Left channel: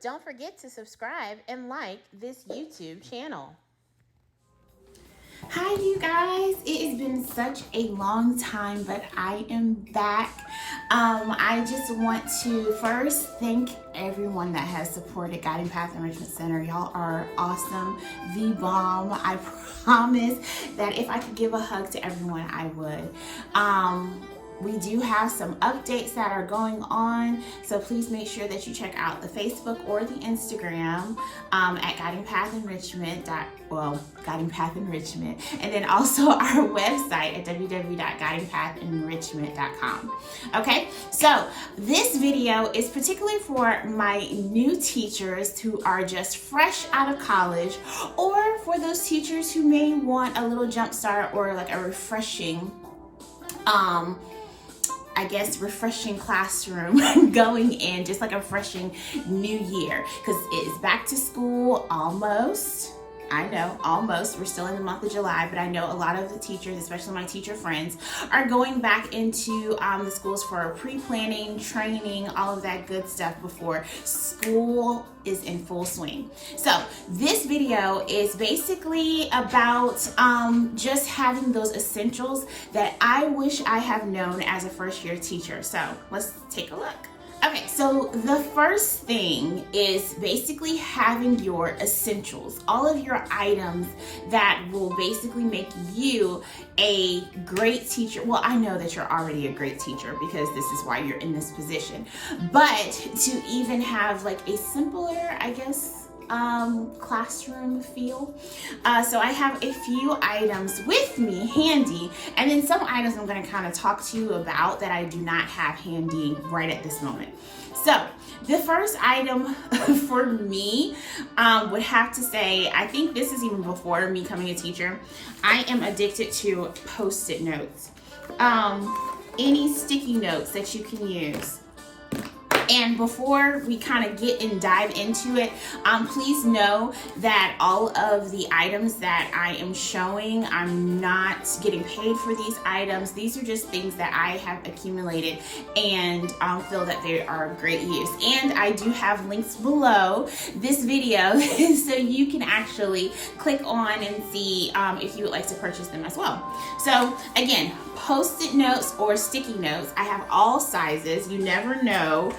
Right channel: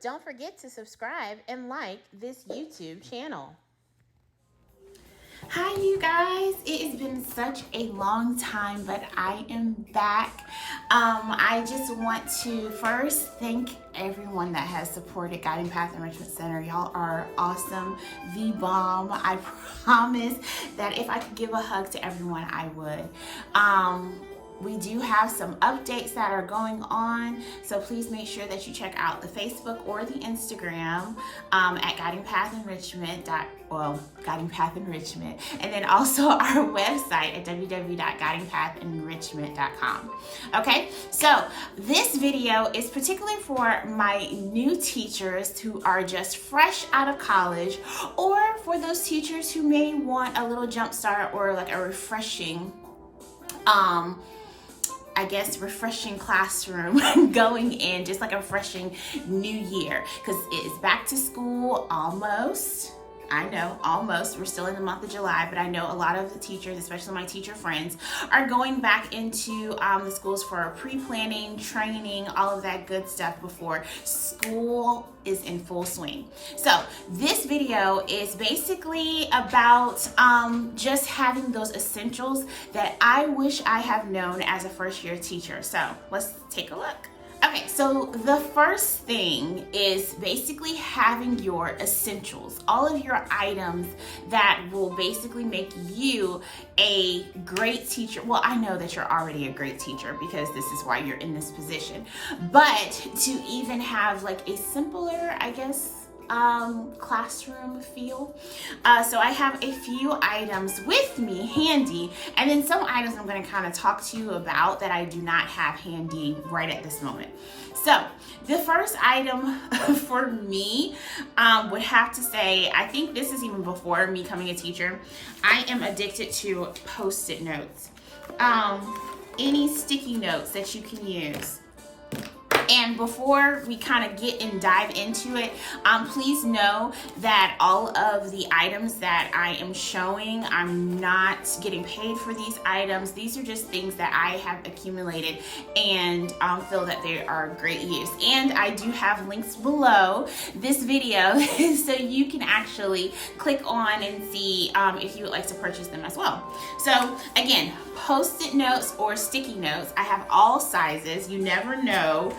Don't forget to subscribe and like this YouTube channel. Hi you guys, it has been such a long time, but I am back. I just want to first thank everyone that has supported Guiding Path Enrichment Center. Y'all are awesome, the bomb. I promise that if I could give a hug to everyone, I would. We do have some updates that are going on, so please make sure that you check out the Facebook or the Instagram at Guiding Path Enrichment. Guiding Path Enrichment, and then also our website at www.guidingpathenrichment.com. Okay, so this video is particularly for my new teachers who are just fresh out of college, or for those teachers who may want a little jump start or like a refreshing refreshing classroom going in, just like a refreshing new year, because it is back to school almost. I know, almost. We're still in the month of July, but I know a lot of the teachers, especially my teacher friends, are going back into the schools for pre-planning, training, all of that good stuff before school is in full swing. So this video is basically about just having those essentials that I wish I have known as a first year teacher. So let's take a look. Okay, so the first thing is basically having your essentials, all of your items that will basically make you a great teacher. Well, I know that you're already a great teacher because this is why you're in this position, but to even have like a simpler, I guess, classroom feel. So I have a few items with me handy, and then some items I'm going to kind of talk to you about that I do not have handy right at this moment. So the first item for me would have to say, I think this is even before me becoming a teacher, I am addicted to Post-it notes. Any sticky notes that you can use. And before we kind of get and dive into it, please know that all of the items that I am showing, I'm not getting paid for these items. These are just things that I have accumulated and feel that they are great use. And I do have links below this video so you can actually click on and see if you would like to purchase them as well. So again, Post-it notes or sticky notes, I have all sizes. You never know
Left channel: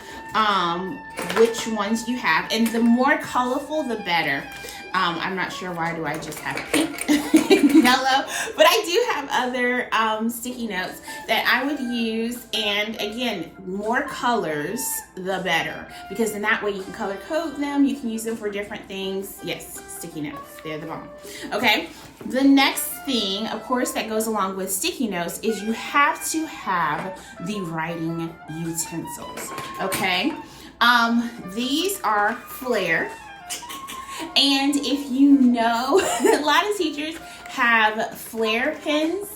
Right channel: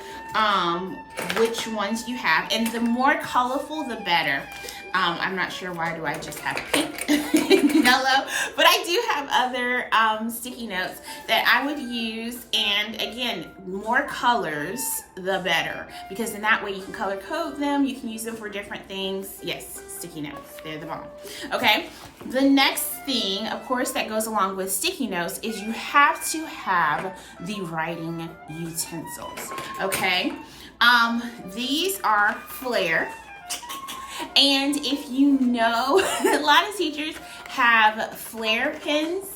which ones you have, and the more colorful the better. I'm not sure why do I just have pink and yellow, but I do have other sticky notes that I would use, and again, more colors the better, because in that way you can color code them, you can use them for different things. Yes, sticky notes, they're the bomb. Okay, the next thing, of course, that goes along with sticky notes is you have to have the writing utensils. Okay, these are Flair, and if you know, a lot of teachers have Flair pens,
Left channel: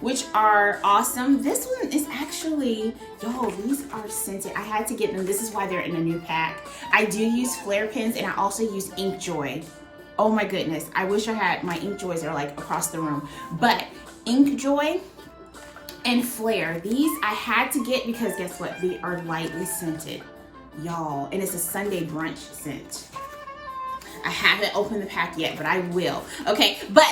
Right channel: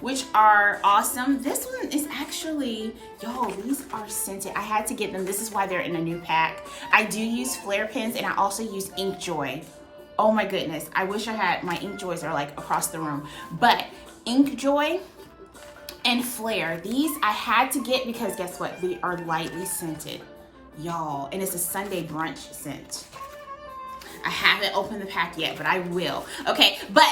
which are awesome. This one is actually, yo, these are scented. I had to get them. This is why they're in a new pack. I do use Flair pens, and I also use Inkjoy. Oh my goodness, I wish I had, my Inkjoys are like across the room, but Inkjoy and Flair, these I had to get because guess what? They are lightly scented, y'all, and it's a Sunday brunch scent. I haven't opened the pack yet, but I will. Okay, but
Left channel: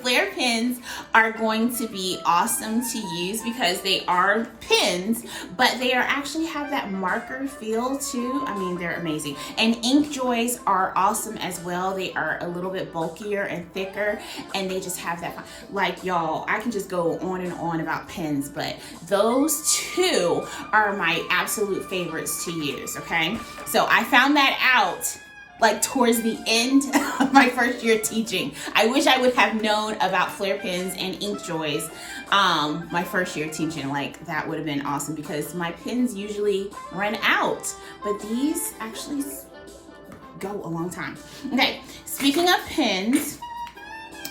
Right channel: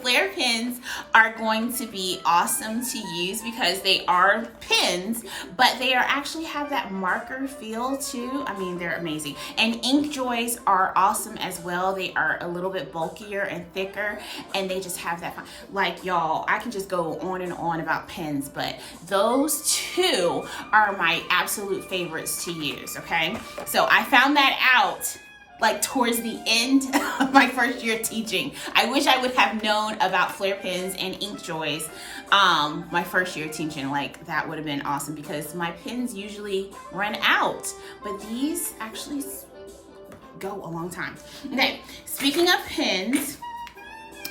Flair pens are going to be awesome to use because they are pens, but they are actually have that marker feel too. I mean, they're amazing. And Inkjoys are awesome as well. They are a little bit bulkier and thicker, and they just have that, like, y'all, I can just go on and on about pens, but those two are my absolute favorites to use, okay? So I found that out like towards the end of my first year teaching. I wish I would have known about Flair pens and Inkjoys my first year teaching. Like, that would have been awesome because my pens usually run out, but these actually go a long time. Okay, speaking of pens,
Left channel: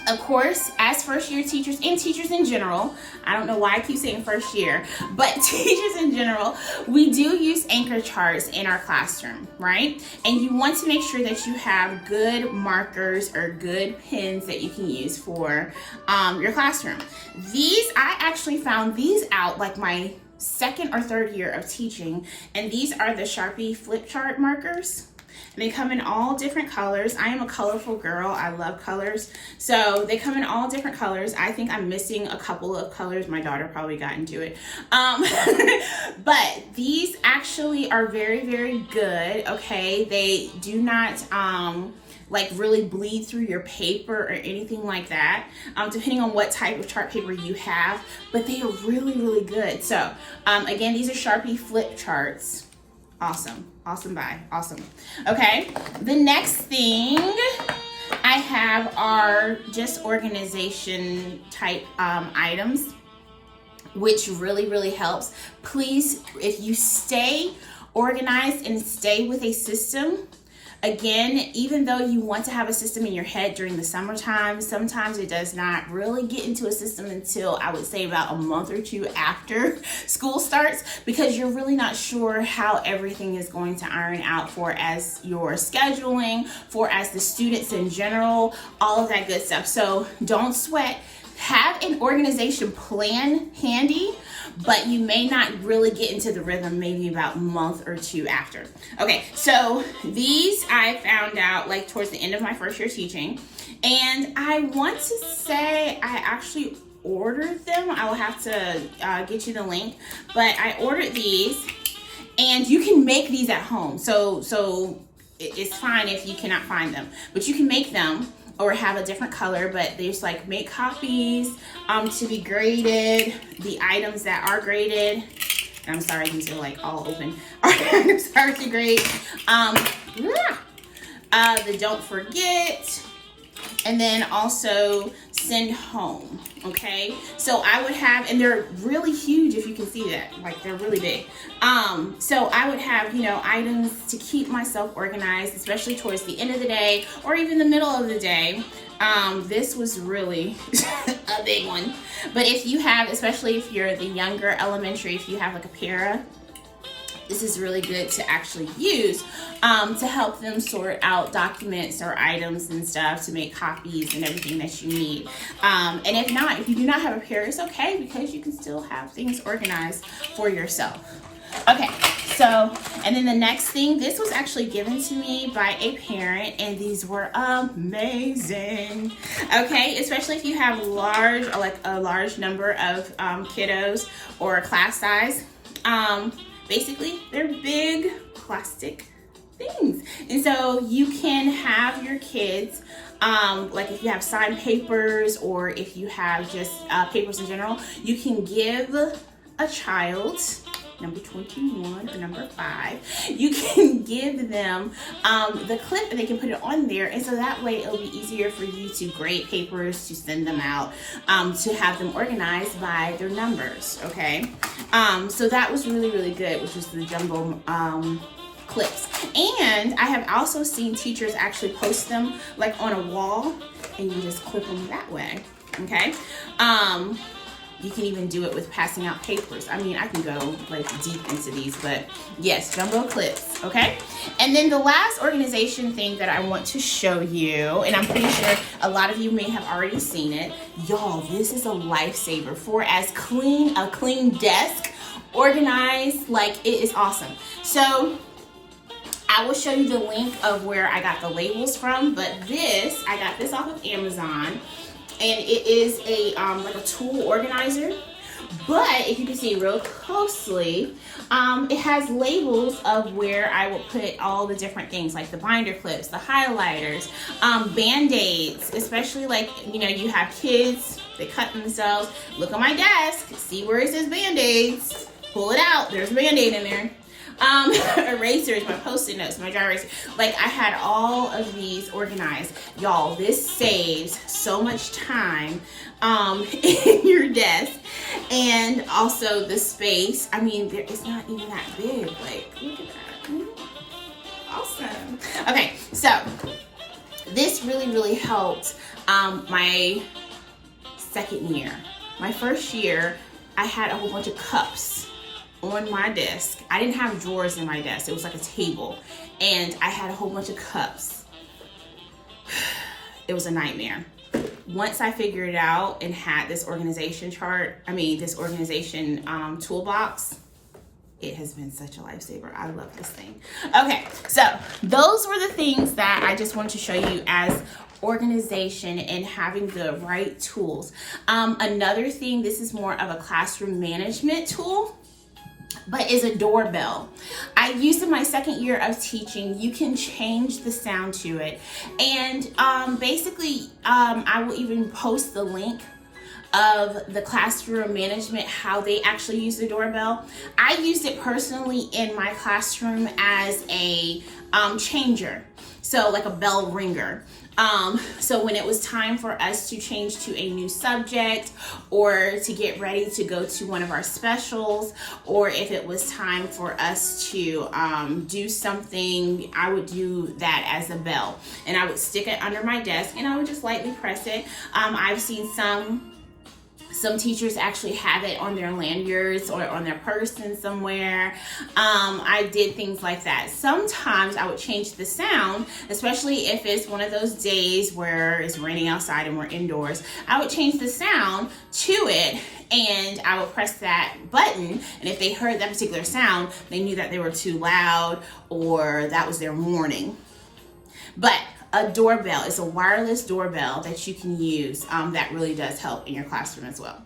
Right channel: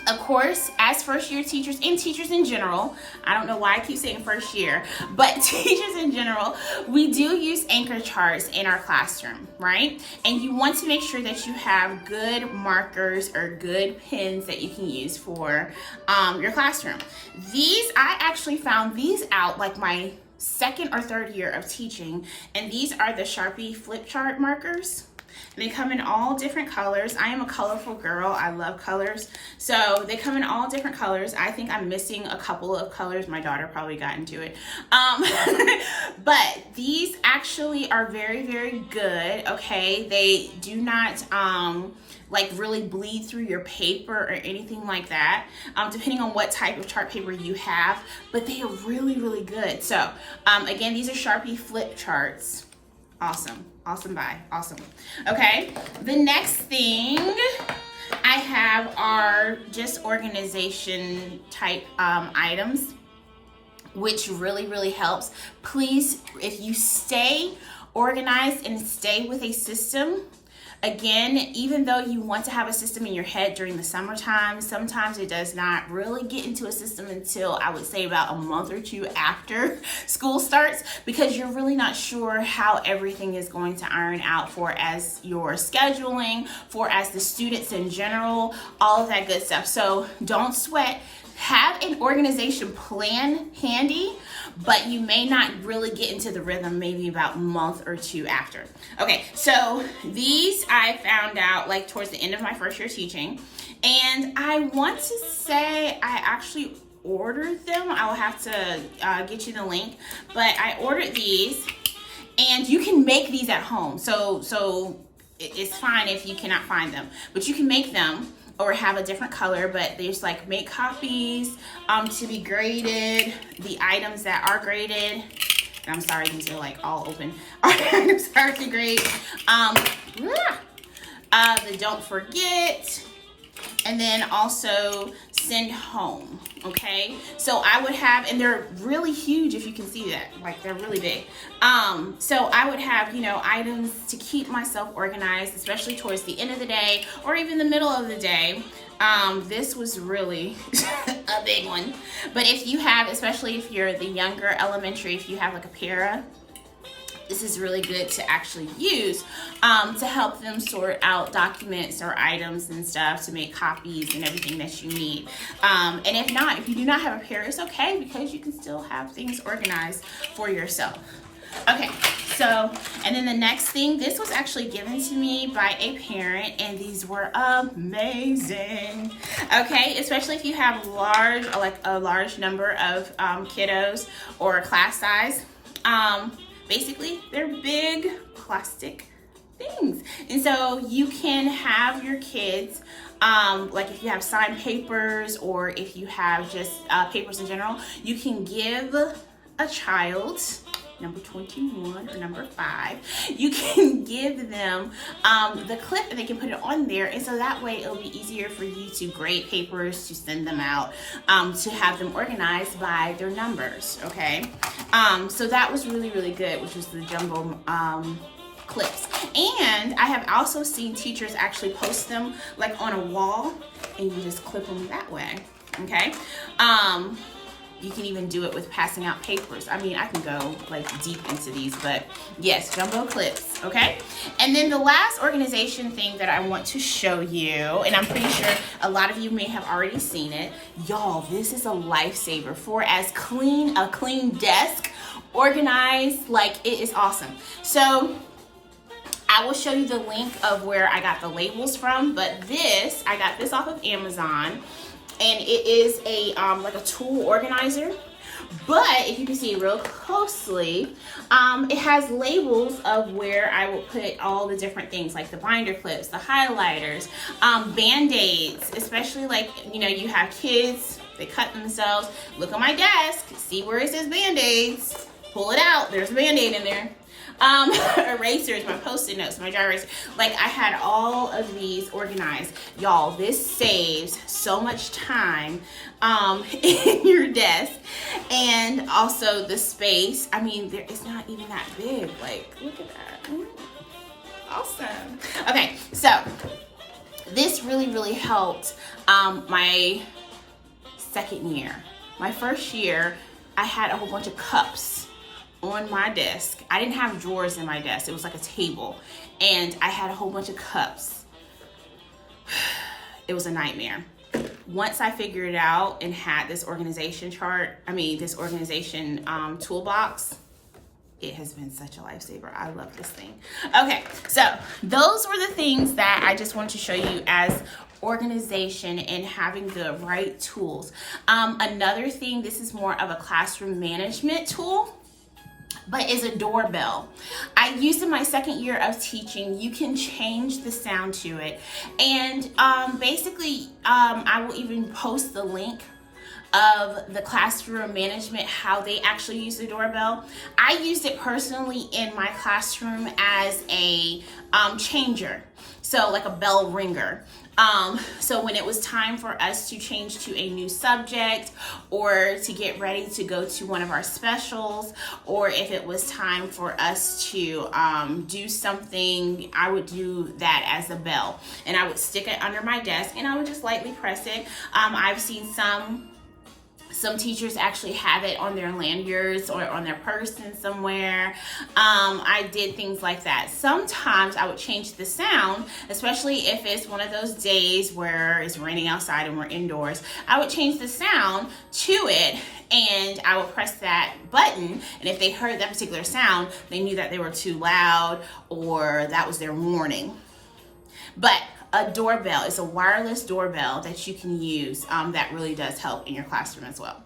of course, as first year teachers and teachers in general, I don't know why I keep saying first year, but teachers in general, we do use anchor charts in our classroom, right? And you want to make sure that you have good markers or good pens that you can use for your classroom. These, I actually found these out like my second or third year of teaching, and these are the Sharpie flip chart markers. And they come in all different colors. I am a colorful girl. I love colors. So they come in all different colors. I think I'm missing a couple of colors. My daughter probably got into it. But these actually are very, very good, okay? They do not like really bleed through your paper or anything like that, depending on what type of chart paper you have, but they are really, really good. So again, these are Sharpie flip charts. Awesome, awesome buy, awesome. Okay, the next thing I have are just organization type items, which really, really helps. Please, if you stay organized and stay with a system, again, even though you want to have a system in your head during the summertime, sometimes it does not really get into a system until I would say about a month or two after school starts, because you're really not sure how everything is going to iron out for as your scheduling, for as the students in general, all of that good stuff. So don't sweat. Have an organization plan handy, but you may not really get into the rhythm maybe about a month or two after. Okay, so these I found out like towards the end of my first year teaching, and I want to say I actually ordered them. I will have to get you the link, but I ordered these, and you can make these at home. So it's fine if you cannot find them, but you can make them or have a different color, but they just like make copies to be graded. The items that are graded, and I'm sorry, these are like all open. Items are to grade. The don't forget, and then also send home. Okay, so I would have, and they're really huge if you can see that, like they're really big. So I would have, you know, items to keep myself organized, especially towards the end of the day or even the middle of the day. This was really a big one. But if you have, especially if you're the younger elementary, if you have like a para, this is really good to actually use to help them sort out documents or items and stuff, to make copies and everything that you need. And if not, if you do not have a pair, it's okay, because you can still have things organized for yourself. Okay, so, and then the next thing, this was actually given to me by a parent, and these were amazing. Okay, especially if you have a large number of kiddos or a class size. Basically, they're big plastic things. And so you can have your kids, like if you have signed papers or if you have just papers in general, you can give a child, number 21 or number 5, you can give them the clip and they can put it on there. And so that way it'll be easier for you to grade papers, to send them out, to have them organized by their numbers, okay? So that was really, really good, which was the jumbo clips. And I have also seen teachers actually post them like on a wall, and you just clip them that way, okay? You can even do it with passing out papers. I mean, I can go like deep into these, but yes, jumbo clips, okay? And then the last organization thing that I want to show you, and I'm pretty sure a lot of you may have already seen it. Y'all, this is a lifesaver for a clean desk, organized, like it is awesome. So I will show you the link of where I got the labels from, but I got this off of Amazon. And it is a like a tool organizer, but if you can see real closely, it has labels of where I will put all the different things, like the binder clips, the highlighters, band-aids, especially like, you know, you have kids, they cut themselves. Look on my desk, see where it says band-aids, pull it out, there's a band-aid in there. Erasers, my post-it notes, my dry eraser. Like, I had all of these organized. Y'all, this saves so much time in your desk, and also the space. I mean, it's not even that big. Like, look at that. Awesome. Okay, so this really, really helped my second year. My first year, I had a whole bunch of cups on my desk. I didn't have drawers in my desk. It was like a table, and I had a whole bunch of cups. It was a nightmare. Once I figured it out and had this organization toolbox, it has been such a lifesaver. I love this thing. Okay, so those were the things that I just wanted to show you as organization and having the right tools. Another thing, this is more of a classroom management tool, but is a doorbell. I used in my second year of teaching. You can change the sound to it. And basically, I will even post the link of the classroom management, how they actually use the doorbell. I used it personally in my classroom as a changer, so like a bell ringer. So when it was time for us to change to a new subject or to get ready to go to one of our specials, or if it was time for us to do something, I would do that as a bell, and I would stick it under my desk and I would just lightly press it. I've seen some teachers actually have it on their lanyards or on their person somewhere. I did things like that. Sometimes I would change the sound, especially if it's one of those days where it's raining outside and we're indoors. I would change the sound to it and I would press that button, and if they heard that particular sound, they knew that they were too loud or that was their warning. But a doorbell is a wireless doorbell that you can use that really does help in your classroom as well.